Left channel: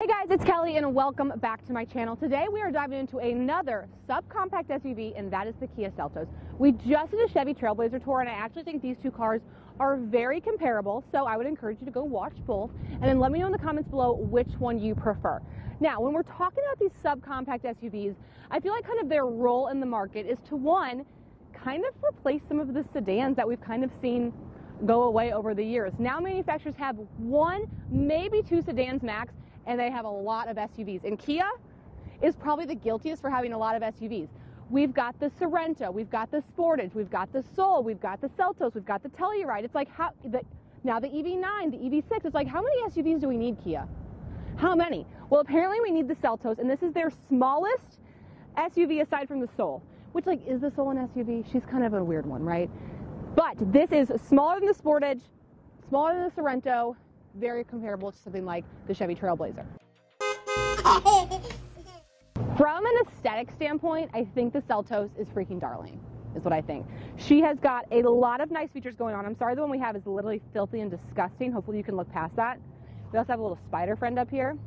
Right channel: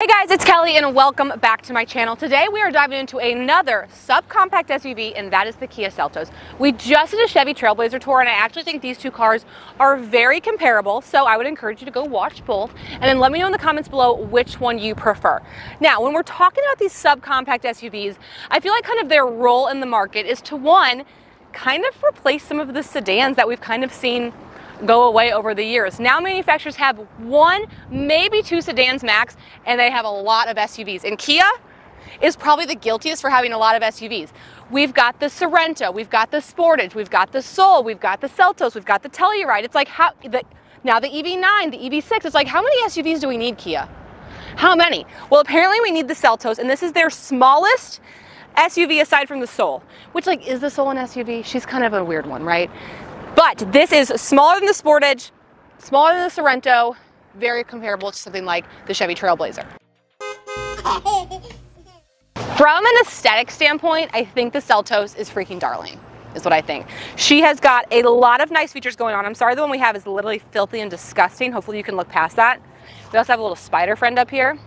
Hey guys, it's Kelly and welcome back to my channel. Today we are diving into another subcompact SUV, and that is the Kia Seltos. We just did a Chevy Trailblazer tour and I actually think these two cars are very comparable, so I would encourage you to go watch both and then let me know in the comments below which one you prefer. Now, when we're talking about these subcompact SUVs, I feel like kind of their role in the market is to, one, kind of replace some of the sedans that we've kind of seen go away over the years. Now manufacturers have one, maybe two sedans max, and they have a lot of SUVs. And Kia is probably the guiltiest for having a lot of SUVs. We've got the Sorento, we've got the Sportage, we've got the Soul, we've got the Seltos, we've got the Telluride. It's like now the EV9, the EV6, it's like how many SUVs do we need, Kia? How many? Well, apparently we need the Seltos, and this is their smallest SUV aside from the Soul, which, like, is the Soul an SUV? She's kind of a weird one, right? But this is smaller than the Sportage, smaller than the Sorento, very comparable to something like the Chevy Trailblazer. From an aesthetic standpoint, I think the Seltos is freaking darling, is what I think. She has got a lot of nice features going on. I'm sorry, the one we have is literally filthy and disgusting. Hopefully you can look past that. We also have a little spider friend up here.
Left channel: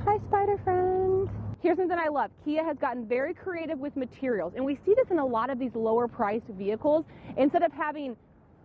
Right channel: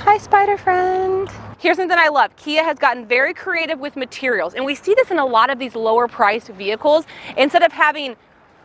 Hi, spider friend. Here's something I love. Kia has gotten very creative with materials, and we see this in a lot of these lower priced vehicles. Instead of having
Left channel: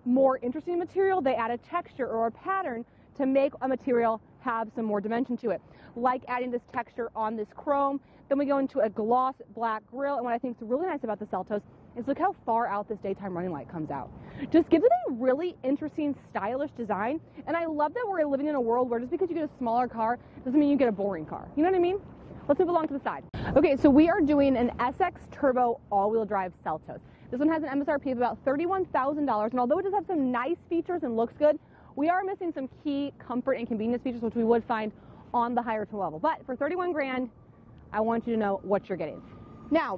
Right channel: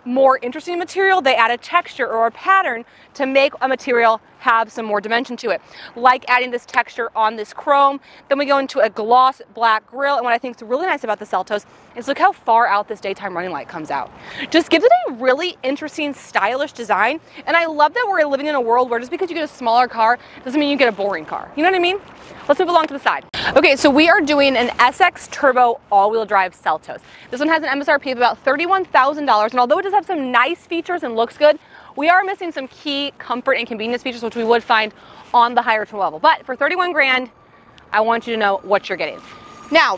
more interesting material, they add a texture or a pattern to make a material have some more dimension to it. Like adding this texture on this chrome. Then we go into a gloss black grille, and what I think is really nice about the Seltos is look how far out this daytime running light comes out. Just gives it a really interesting, stylish design, and I love that we're living in a world where just because you get a smaller car doesn't mean you get a boring car. You know what I mean? Let's move along to the side. Okay, so we are doing an SX Turbo all-wheel drive Seltos. This one has an MSRP of about $31,000, and although it does have some nice features and looks good, we are missing some key comfort and convenience features which we would find on the higher trim level. But for 31 grand, I want you to know what you're getting. Now,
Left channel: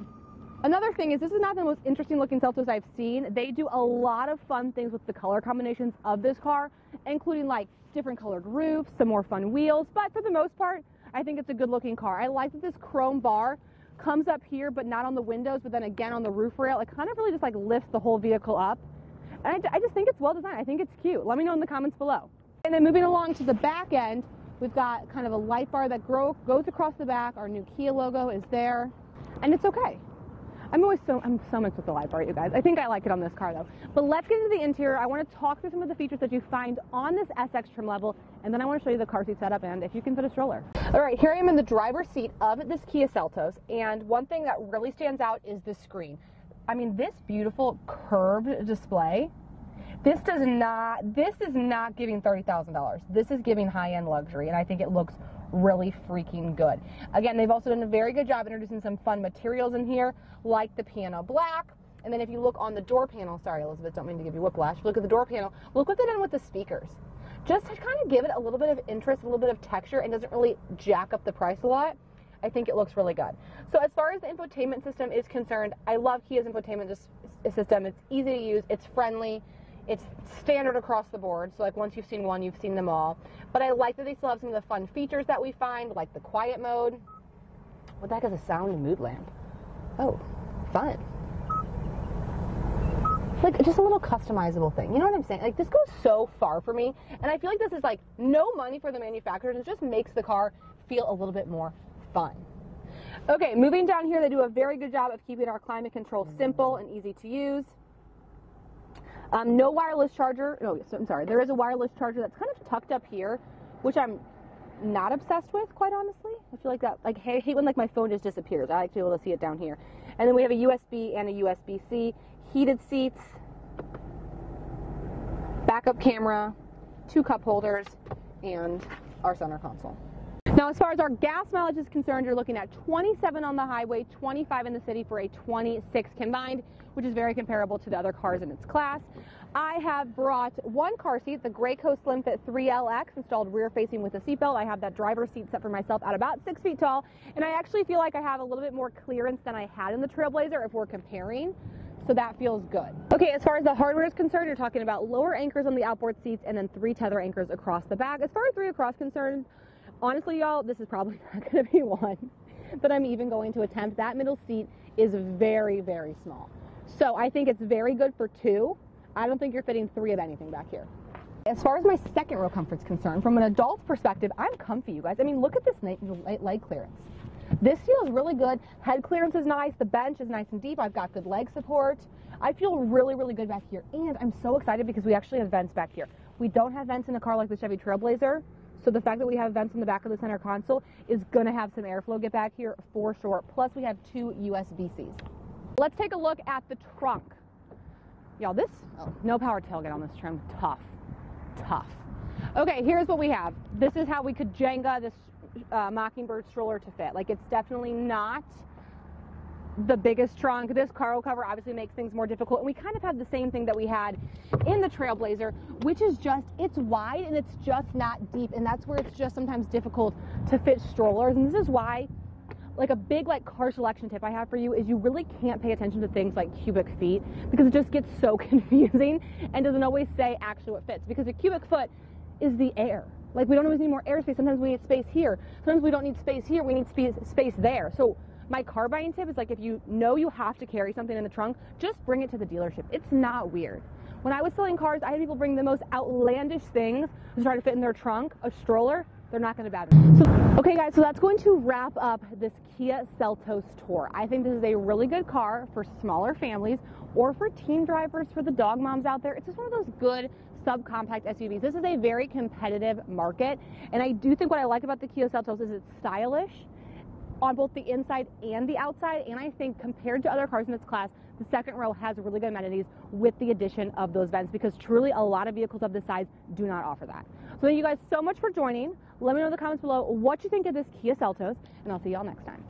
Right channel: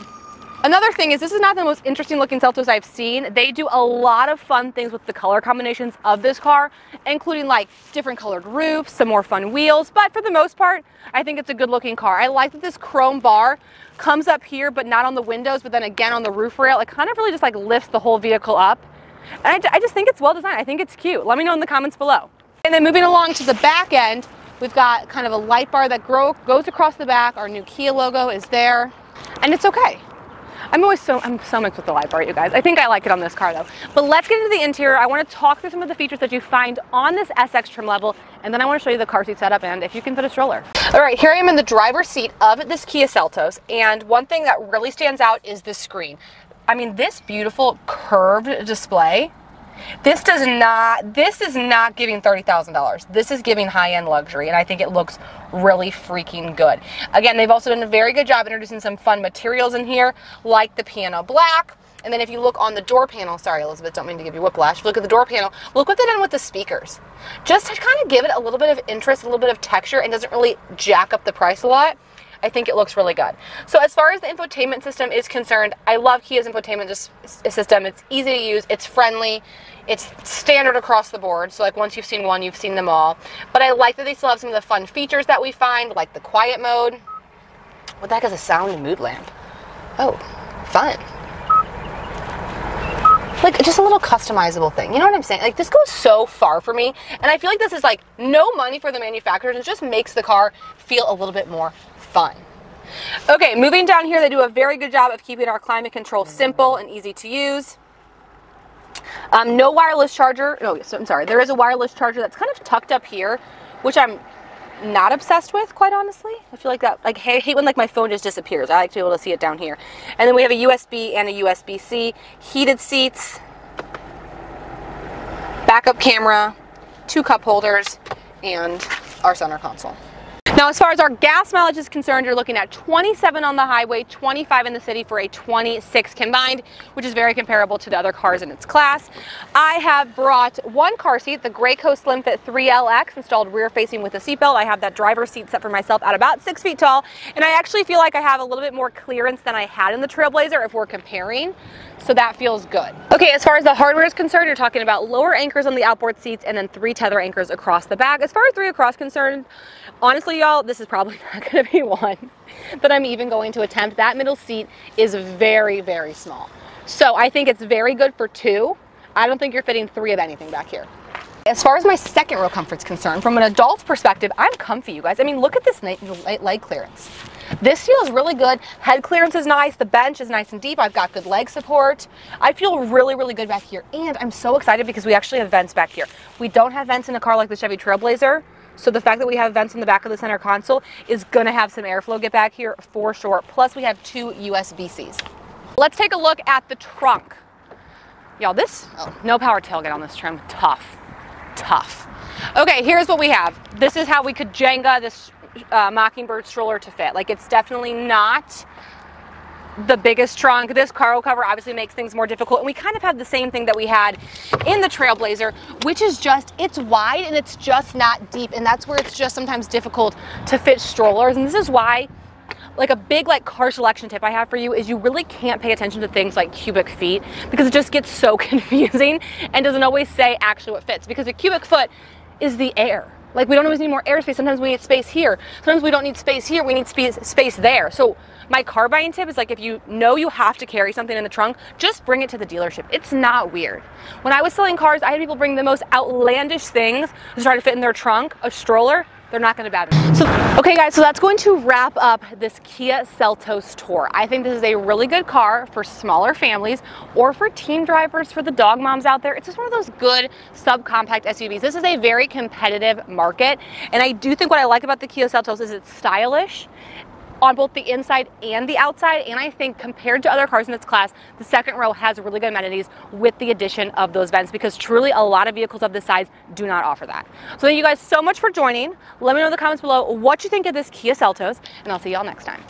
another thing is this is not the most interesting looking Seltos I've seen. They do a lot of fun things with the color combinations of this car, including like different colored roofs, some more fun wheels, but for the most part, I think it's a good looking car. I like that this chrome bar comes up here, but not on the windows, but then again on the roof rail. It kind of really just like lifts the whole vehicle up. And I just think it's well designed. I think it's cute. Let me know in the comments below. And then moving along to the back end, we've got kind of a light bar that goes across the back. Our new Kia logo is there, and it's okay. I'm so mixed with the light bar, you guys. I think I like it on this car though. But let's get into the interior. I want to talk through some of the features that you find on this SX trim level, and then I want to show you the car seat setup and if you can fit a stroller. All right, here I am in the driver's seat of this Kia Seltos, and one thing that really stands out is the screen. I mean, this beautiful curved display, this is not giving $30,000. This is giving high-end luxury, and I think it looks really freaking good. Again, they've also done a very good job introducing some fun materials in here, like the piano black. And then if you look on the door panel, sorry Elizabeth, don't mean to give you whiplash. If you look at the door panel, look what they've done with the speakers. Just to kind of give it a little bit of interest, a little bit of texture, and doesn't really jack up the price a lot. I think it looks really good. So as far as the infotainment system is concerned, I love Kia's infotainment system. It's easy to use, it's friendly, it's standard across the board. So like once you've seen one, you've seen them all. But I like that they still have some of the fun features that we find, like the quiet mode. What the heck is a sound and mood lamp? Oh, fun. Like just a little customizable thing. You know what I'm saying? Like this goes so far for me. And I feel like this is like no money for the manufacturers. It just makes the car feel a little bit more fun. Okay, moving down here, they do a very good job of keeping our climate control simple and easy to use. No wireless charger. No, I'm sorry. There is a wireless charger that's kind of tucked up here, which I'm not obsessed with, quite honestly. I feel like that, like, I hate when like my phone just disappears. I like to be able to see it down here. And then we have a USB and a USB-C, heated seats, backup camera, 2 cup holders, and our center console. Now, as far as our gas mileage is concerned, you're looking at 27 on the highway, 25 in the city for a 26 combined, which is very comparable to the other cars in its class. I have brought one car seat, the Graco Slim Fit 3LX, installed rear facing with a seatbelt. I have that driver's seat set for myself at about 6 feet tall, and I actually feel like I have a little bit more clearance than I had in the Trailblazer if we're comparing. So that feels good. Okay, as far as the hardware is concerned, you're talking about lower anchors on the outboard seats and then 3 tether anchors across the back. As far as 3 across concerned, honestly, y'all, this is probably not gonna be one that I'm even going to attempt. That middle seat is very, very small. So I think it's very good for 2. I don't think you're fitting 3 of anything back here. As far as my second row comfort's concerned, from an adult's perspective, I'm comfy, you guys. I mean, look at this leg clearance. This feels really good. Head clearance is nice. The bench is nice and deep. I've got good leg support. I feel really, really good back here. And I'm so excited because we actually have vents back here. We don't have vents in a car like the Chevy Trailblazer. So the fact that we have vents in the back of the center console is going to have some airflow get back here for sure. Plus, we have 2 USB-Cs. Let's take a look at the trunk. Y'all, no power tailgate on this trim. Tough. Okay, here's what we have. This is how we could Jenga this Mockingbird stroller to fit. Like, it's definitely not the biggest trunk. This cargo cover obviously makes things more difficult, and we kind of have the same thing that we had in the Trailblazer, which is just, it's wide and it's just not deep, and that's where it's just sometimes difficult to fit strollers. And this is why, like, a big car selection tip I have for you is you really can't pay attention to things like cubic feet, because it just gets so confusing and doesn't always say actually what fits, because a cubic foot is the air. Like, we don't always need more airspace. Sometimes we need space here. Sometimes we don't need space here. We need space there. So my car buying tip is, like, if you know you have to carry something in the trunk, just bring it to the dealership. It's not weird. When I was selling cars, I had people bring the most outlandish things to try to fit in their trunk. A stroller, they're not going to bat it. So, okay guys, so that's going to wrap up this Kia Seltos tour. I think this is a really good car for smaller families or for teen drivers, for the dog moms out there. It's just one of those good subcompact SUVs. This is a very competitive market, and I do think what I like about the Kia Seltos is it's stylish on both the inside and the outside, and I think compared to other cars in its class, the second row has really good amenities with the addition of those vents, because truly a lot of vehicles of this size do not offer that. So thank you guys so much for joining. Let me know in the comments below what you think of this Kia Seltos, and I'll see y'all next time.